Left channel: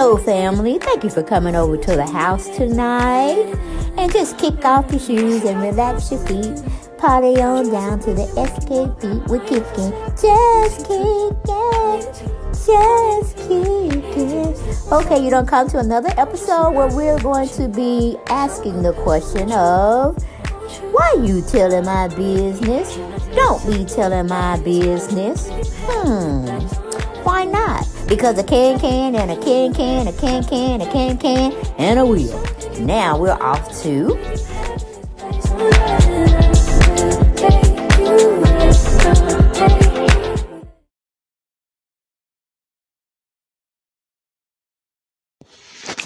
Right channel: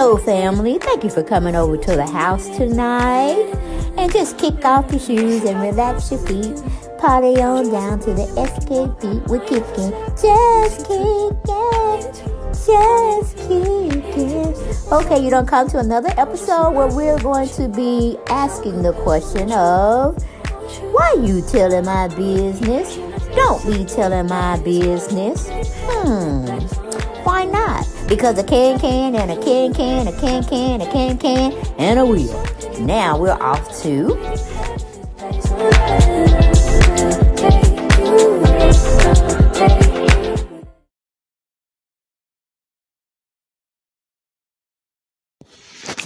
Hello, family. Thank you for coming over to the house tonight. And just kick off your shoes and relax your feet. Party on down to the SK beat. We're kicking. Just kicking. Just kicking. Okay, you don't come to another episode where we're going to be asking the question of, why you telling my business? Don't be telling my business. Why not? Because a can and a can, a can, and a wheel. Now we're off to...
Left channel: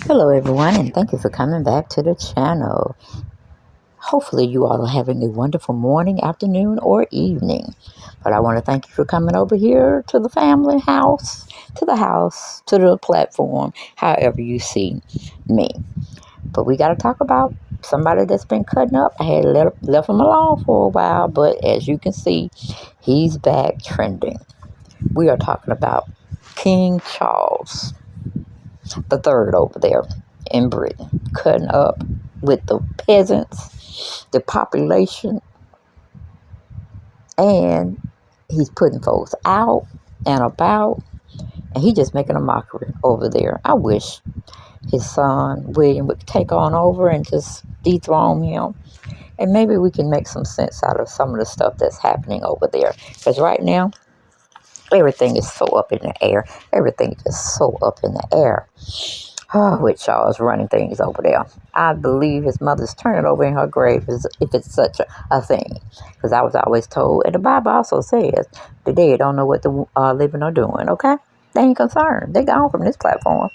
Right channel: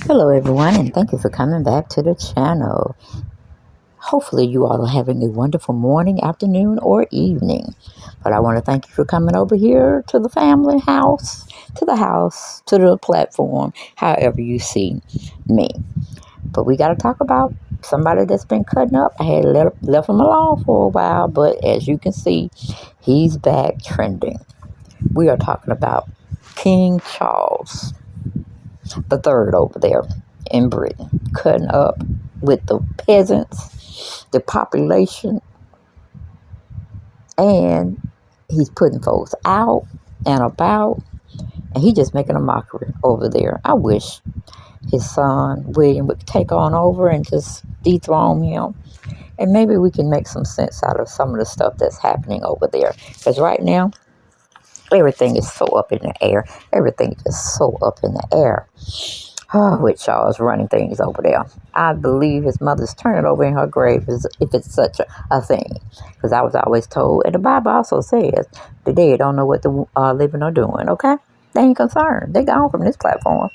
Hello everyone, and thank you for coming back to the channel. Hopefully you all are having a wonderful morning, afternoon, or evening. But I want to thank you for coming over here to the family house, to the platform, however you see me. But we got to talk about somebody that's been cutting up. I had left him alone for a while, but as you can see, he's back trending. We are talking about King Charles III over there in Britain, cutting up with the peasants, the population, and he's putting folks out and about, and he's just making a mockery over there. I wish his son William would take on over and just dethrone him, and maybe we can make some sense out of some of the stuff that's happening over there, because right now everything is so up in the air. Everything is just so up in the air. With Charles running things over there. I believe his mother's turning over in her grave if it's such a thing. Because I was always told, and the Bible also says, the dead don't know what the living are doing, okay? They ain't concerned. They gone from this platform.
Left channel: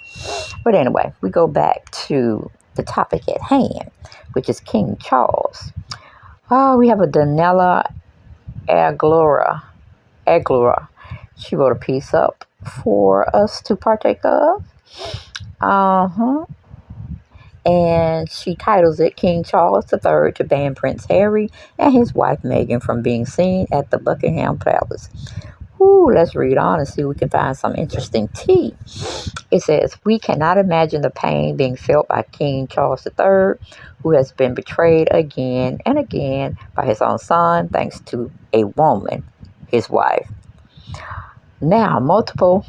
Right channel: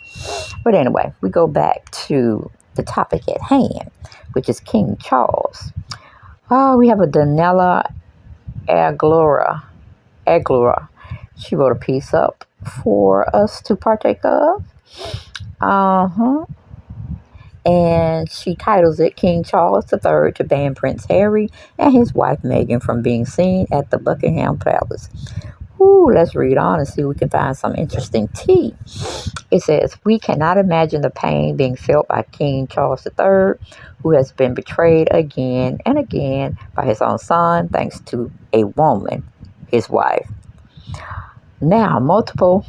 But anyway, we go back to the topic at hand, which is King Charles. We have a Daniela Aglora. She wrote a piece up for us to partake of. And she titles it King Charles III to ban Prince Harry and his wife Meghan from being seen at the Buckingham Palace. Let's read on and see if we can find some interesting tea. It says, we cannot imagine the pain being felt by King Charles III, who has been betrayed again and again by his own son, thanks to a woman, his wife. Now, multiple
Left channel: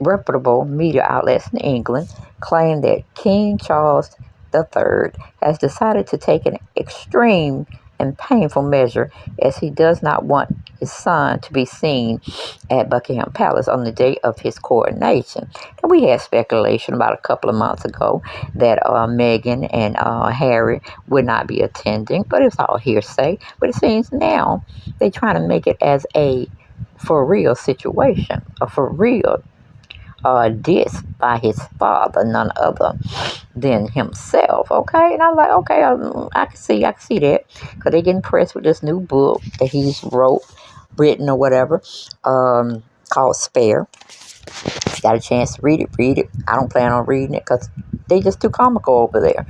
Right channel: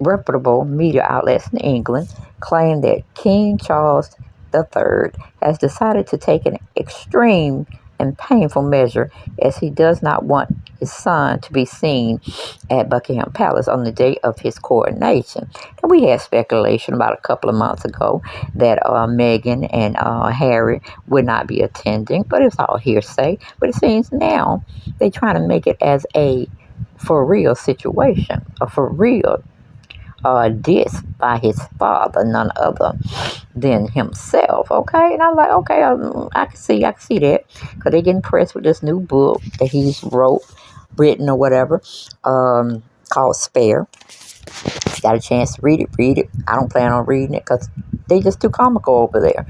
reputable media outlets in England claim that King Charles III has decided to take an extreme and painful measure, as he does not want his son to be seen at Buckingham Palace on the day of his coronation. And we had speculation about a couple of months ago that Meghan and Harry would not be attending, but it's all hearsay. But it seems now they're trying to make it as a for real situation, a for real diss by his father, none other than himself. Okay, and I was like, okay, I can see that, because they getting pressed with this new book that he's written or whatever, called Spare. If you got a chance to read it. I don't plan on reading it because they just too comical over there.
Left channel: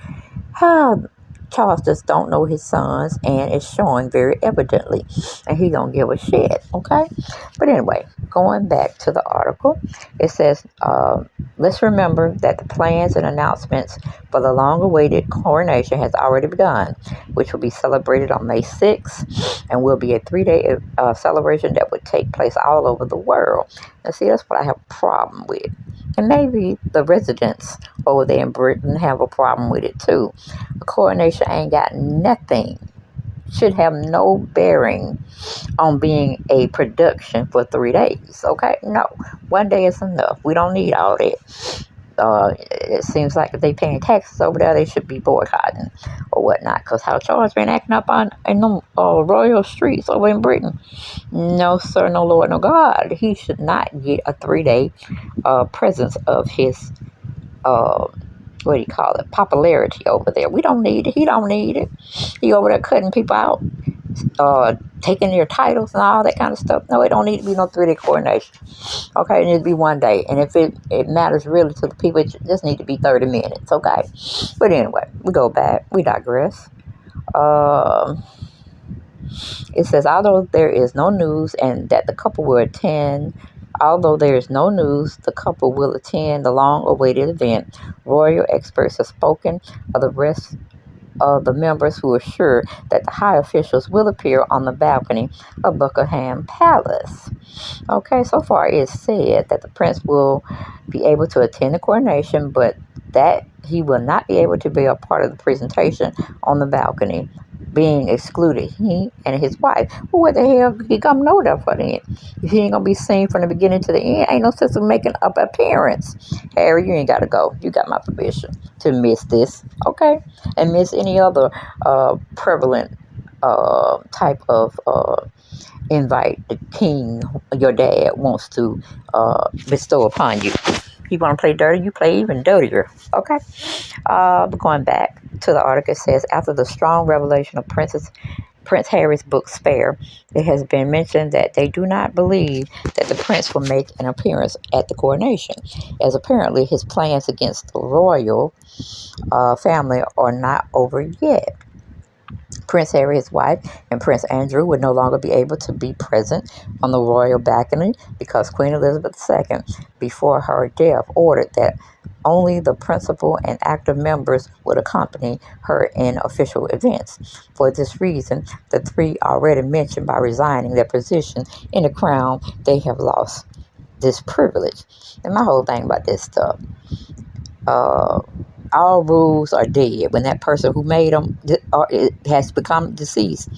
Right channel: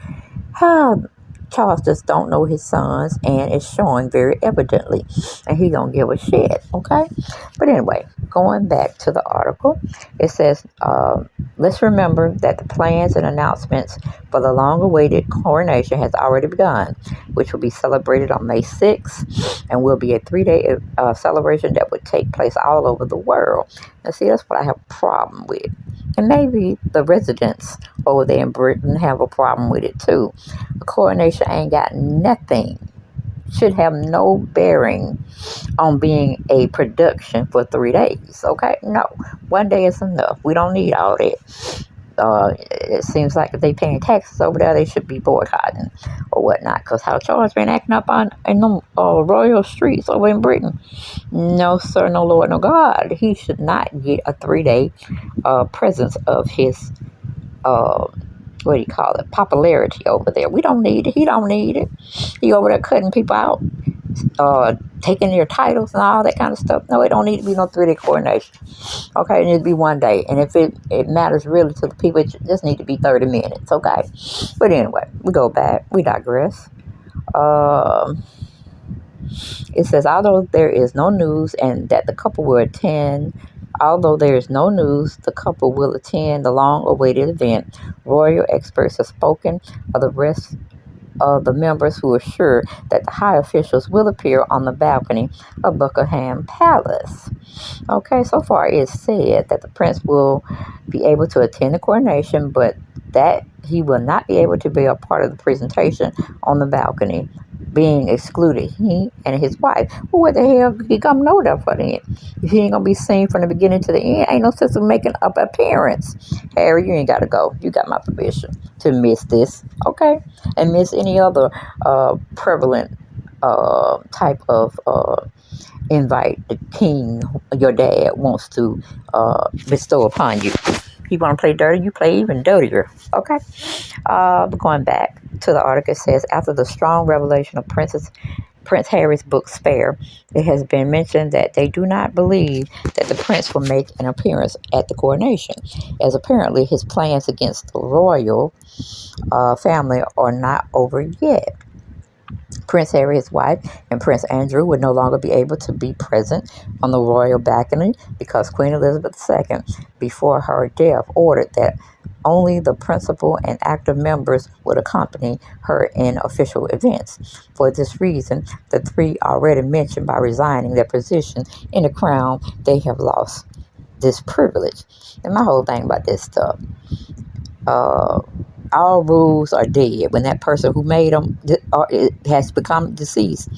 Charles just don't know his sons, and it's showing very evidently, and he don't give a shit, okay? But anyway, going back to the article, it says, let's remember that the plans and announcements for the long-awaited coronation has already begun, which will be celebrated on May 6th, and will be a 3-day celebration that would take place all over the world. Now, see, that's what I have a problem with. And maybe the residents over there in Britain have a problem with it too. A coronation ain't got nothing, should have no bearing on being a production for 3 days, okay? No, 1 day is enough. We don't need all that. It seems like if they paying taxes over there, they should be boycotting or whatnot, because how Charles been acting up in them royal streets over in Britain. No, sir, no Lord, no God. He should not get a 3-day presence of his popularity over there. We don't need it. He don't need it. He over there cutting people out, taking their titles and all that kind of stuff. No, it don't need to be no 3-day coronation. Okay, it needs to be 1 day. And if it matters really to the people, it just need to be 30 minutes, okay? But anyway, we go back. We digress. It says, although there is no news and that the couple will attend Although there is no news, the couple will attend the long-awaited event. Royal experts have spoken of the rest of the members who are sure that the high officials will appear on the balcony of Buckingham Palace. Okay, so far it's said that the prince will be able to attend the coronation, but that he will not be able to be a part of the presentation on the balcony, being excluded. He and his wife. Well, what the hell he coming over there for then? If he ain't gonna be seen from the beginning to the end, ain't no sense of making up appearance. Harry, you ain't gotta go. You got my permission to miss this, okay? And miss any other prevalent type of invite the king, your dad, wants to bestow upon you. You want to play dirty, you play even dirtier. Okay? Going back to the article, it says after the strong revelation of Prince Harry's book Spare, it has been mentioned that they do not believe that the prince will make an appearance at the coronation, as apparently his plans against the royal family are not over yet. Prince Harry, his wife, and Prince Andrew would no longer be able to be present on the royal balcony because Queen Elizabeth II, before her death, ordered that only the principal and active members would accompany her in official events. For this reason, the three already mentioned by resigning their position in the crown, they have lost this privilege. And my whole thing about this stuff, uh, all rules are dead when that person who made them it has become deceased.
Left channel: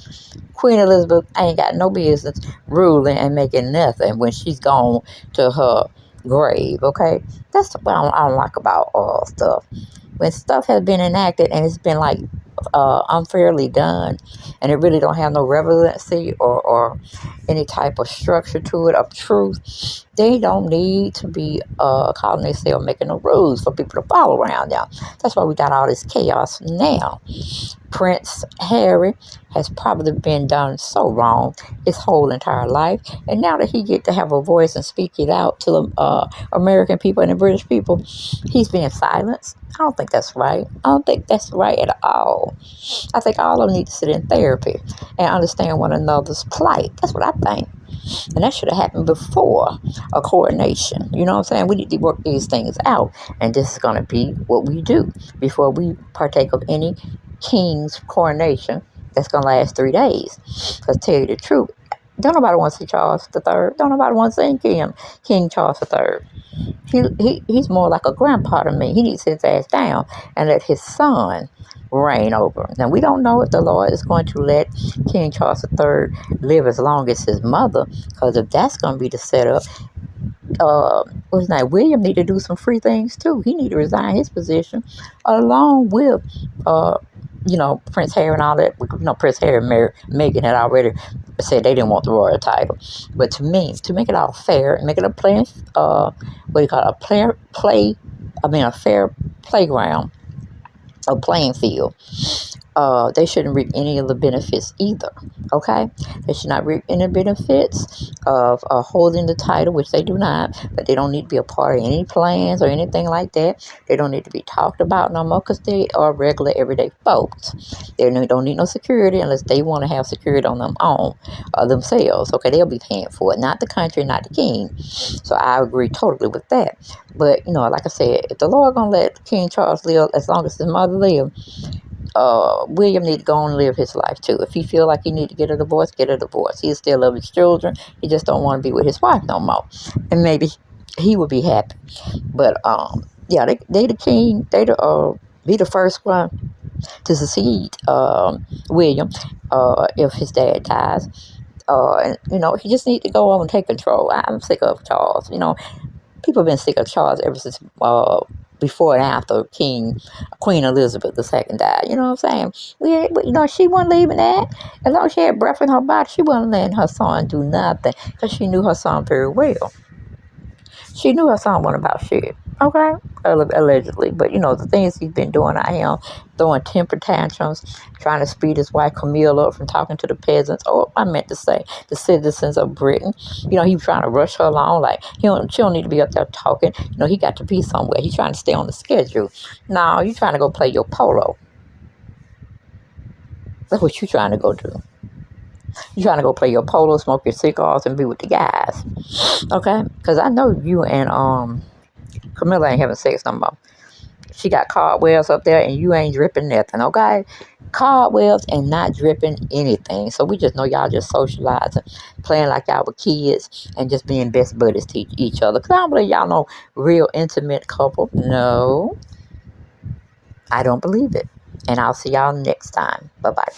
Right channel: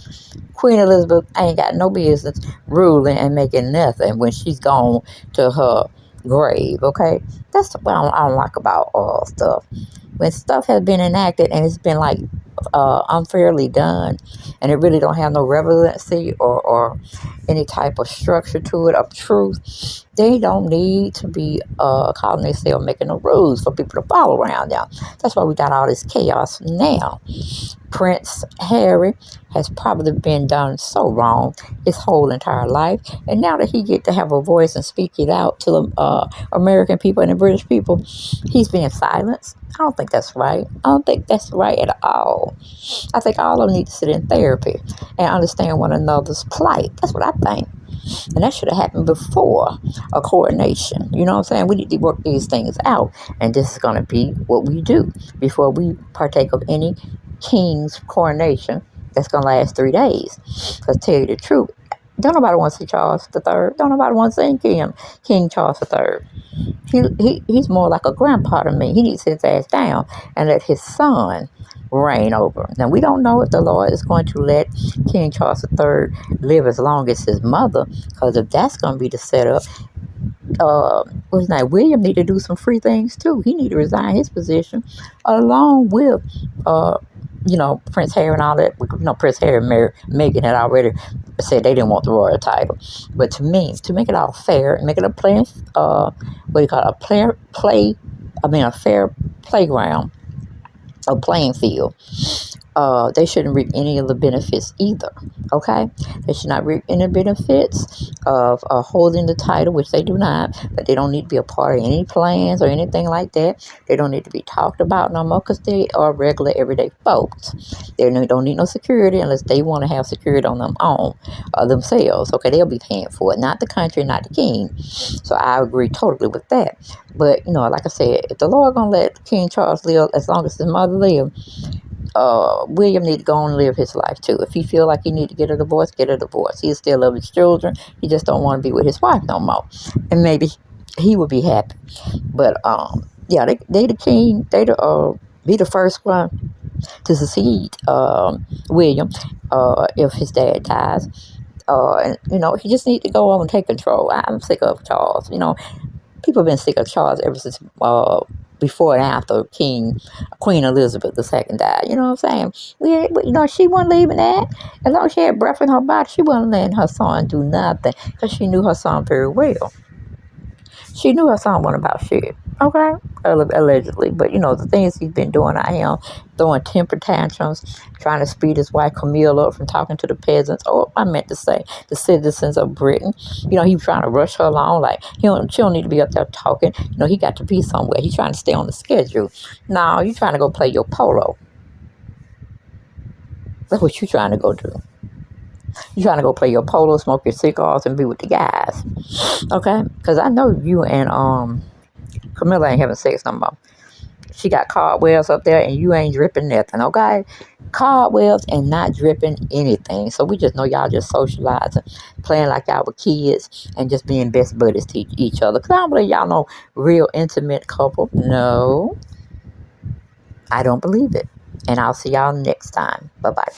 Queen Elizabeth ain't got no business ruling and making nothing when she's gone to her grave. Okay, that's what I don't like about all stuff. When stuff has been enacted and it's been like unfairly done, and it really don't have no relevancy or any type of structure to it of truth, they don't need to be calling themselves making the rules for people to follow around now. That's why we got all this chaos now. Prince Harry has probably been done so wrong his whole entire life, and now that he get to have a voice and speak it out to the American people and the British people, he's being silenced. I don't think that's right. I don't think that's right at all. I think all of them need to sit in therapy and understand one another's plight. That's what I think. And that should have happened before a coronation. You know what I'm saying? We need to work these things out. And this is going to be what we do before we partake of any king's coronation that's going to last 3 days. Because tell you the truth, don't nobody want to see Charles III. Don't nobody want to see King Charles III. He's more like a grandpa to me. He needs to sit his ass down and let his son reign over him. Now, we don't know if the Lord is going to let King Charles III live as long as his mother, because if that's going to be the setup, what's his name? William need to do some free things too. He need to resign his position along with Prince Harry and all that. Prince Harry and Meghan had already said they didn't want the royal title. But to me, to make it all fair and make it a a fair playground, a playing field, they shouldn't reap any of the benefits either. Okay, they should not reap any benefits of holding the title, which they do not. But they don't need to be a part of any plans or anything like that. They don't need to be talked about no more because they are regular everyday folks. They don't need no security unless they want to have security on themselves. Okay, they'll be paying for it, not the country, not the king. So I agree totally with that. But like I said, if the Lord gonna let King Charles live as long as his mother lived, William need to go and live his life too. If he feel like he need to get a divorce, get a divorce. He still love his children. He just don't want to be with his wife no more. And maybe he would be happy. But yeah, they the king. They be the first one to succeed William if his dad dies. And he just need to go on and take control. I'm sick of Charles. People have been sick of Charles ever since before and after Queen Elizabeth II died. You know what I'm saying? She wasn't leaving that. As long as she had breath in her body, she wasn't letting her son do nothing because she knew her son very well. She knew her son wasn't about shit. Okay? Allegedly. But, the things he's been doing out here, throwing temper tantrums, trying to speed his wife Camilla up from talking to the peasants. Oh, I meant to say the citizens of Britain. He was trying to rush her along. Like, she don't need to be up there talking. He got to be somewhere. He's trying to stay on the schedule. No, you're trying to go play your polo. That's what you're trying to go do. You trying to go play your polo, smoke your cigars, and be with the guys. Okay? Because I know you and Camilla ain't having sex no more. She got cardwells up there and you ain't dripping nothing, okay? Cardwells and not dripping anything. So we just know y'all just socializing, playing like y'all were kids, and just being best buddies to each other. Because I don't believe y'all no real intimate couple. No, I don't believe it. And I'll see y'all next time. Bye bye.